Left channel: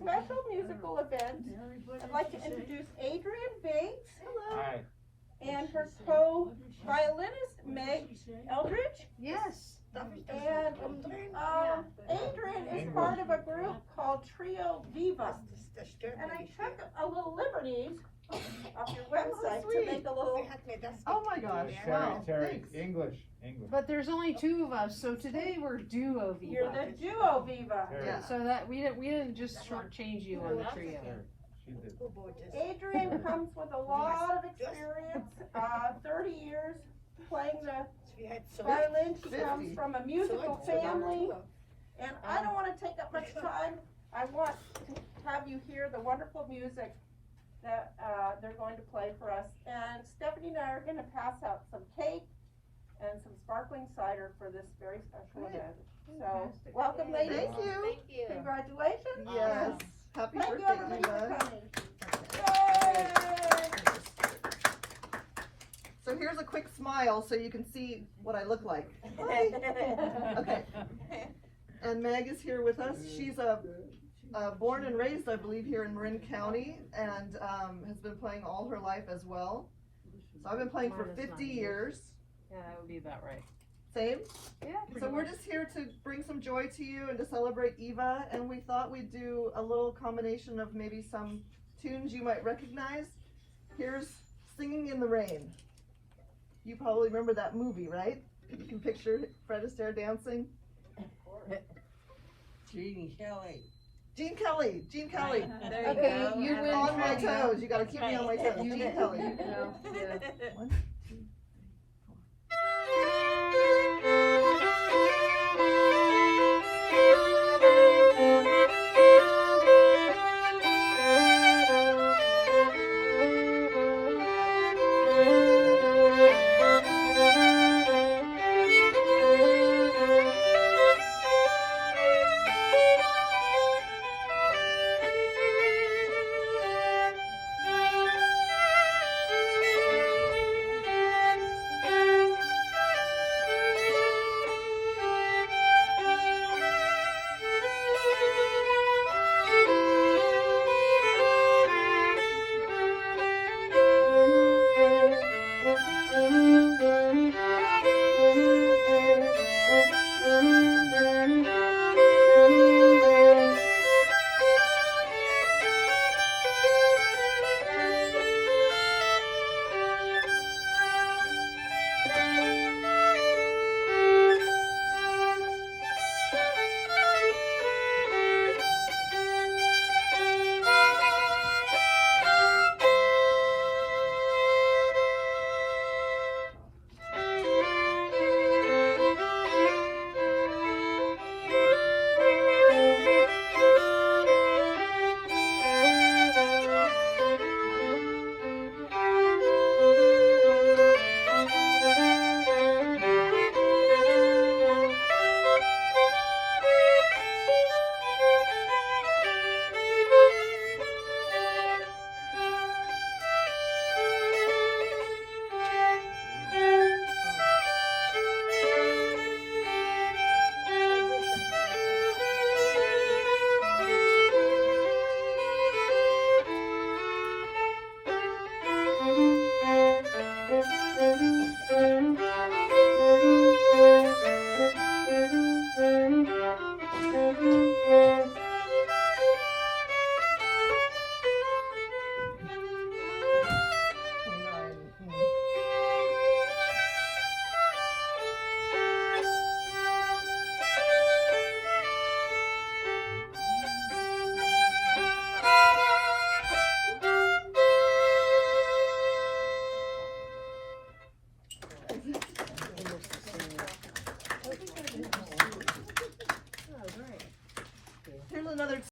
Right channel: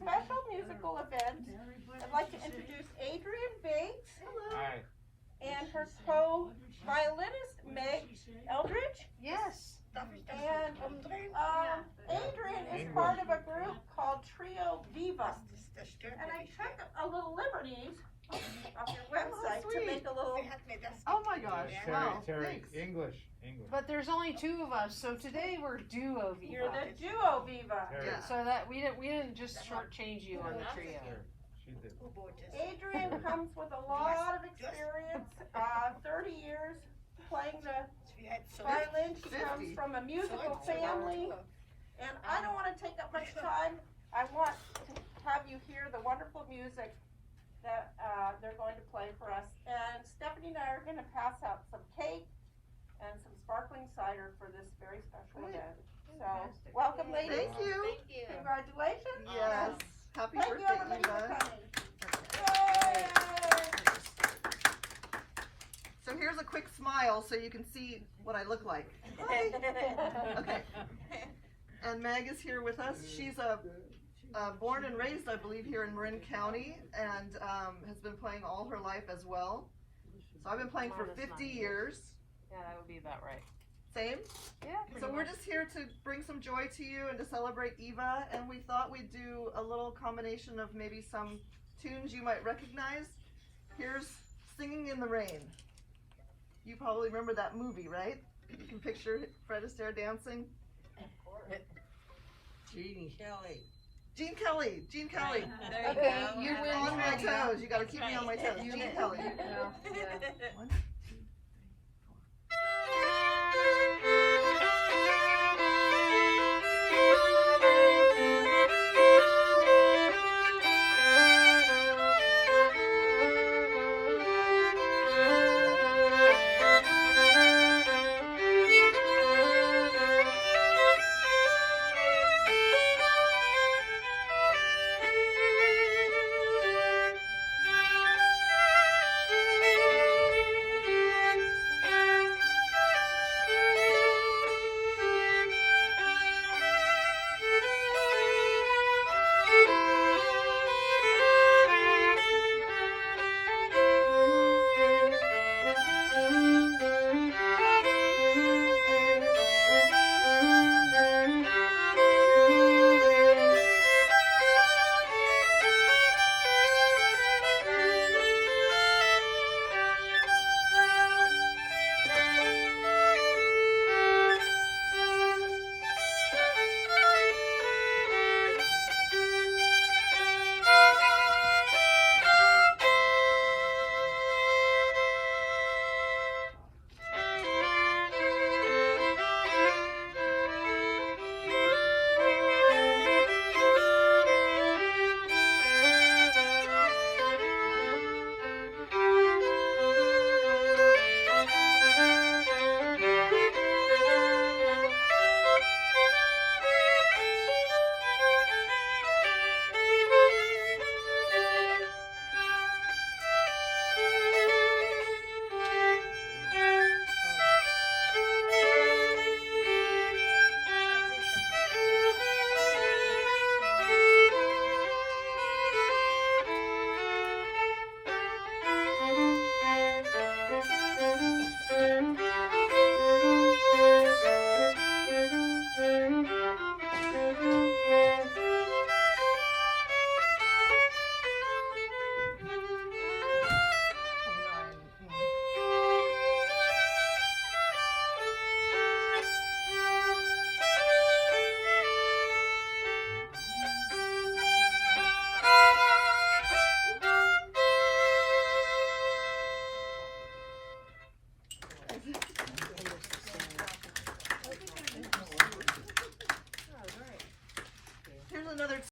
special musical event, I'd like to introduce Adrienne Bates. Hello. Hi. And her co-violinist, Meg Eldridge. Yes. And Adrienne is part of a group called Trio Viva. And I took a little liberties off your website to make a little. Oh my gosh. Wow. Terry, Thanks. English. But there's only two of us, so today we're Duo Viva. You're the Duo Viva. Yeah. So that we didn't just shortchange you on the trio. She did. Adrienne comes with a lot of experience, 30 years playing the violin. She comes from a musical family. And I don't want to take up much time. I want to have you hear the wonderful music that they're going to play for us. And Stephanie and I are going to pass out some cake and some sparkling cider for this very special event. So, welcome, ladies. Thank you. Congratulations. Yes. Happy Thank you, birthday, everybody, for Eva. coming. Yay! So here's a quick smile so you can see what I look like. Okay. And Meg is here with us. She's born and raised, I believe, here in Marin County, and has been playing all her life as well. So I've been playing for 50 years. Yeah, that would be about right. Same? Yeah. So we're just here to bring some joy to you and to celebrate Eva, and we thought we'd do a little combination of maybe some tunes you might recognize. Here's Singing in the Rain. You probably remember that movie, right? You can picture Fred Astaire dancing. Gene Kelly. Gene Kelly. Gene Kelly. There you Okay, go. you're on my toes. You gotta keep me on my toes. Gene Kelly. Yeah. One, two, here's another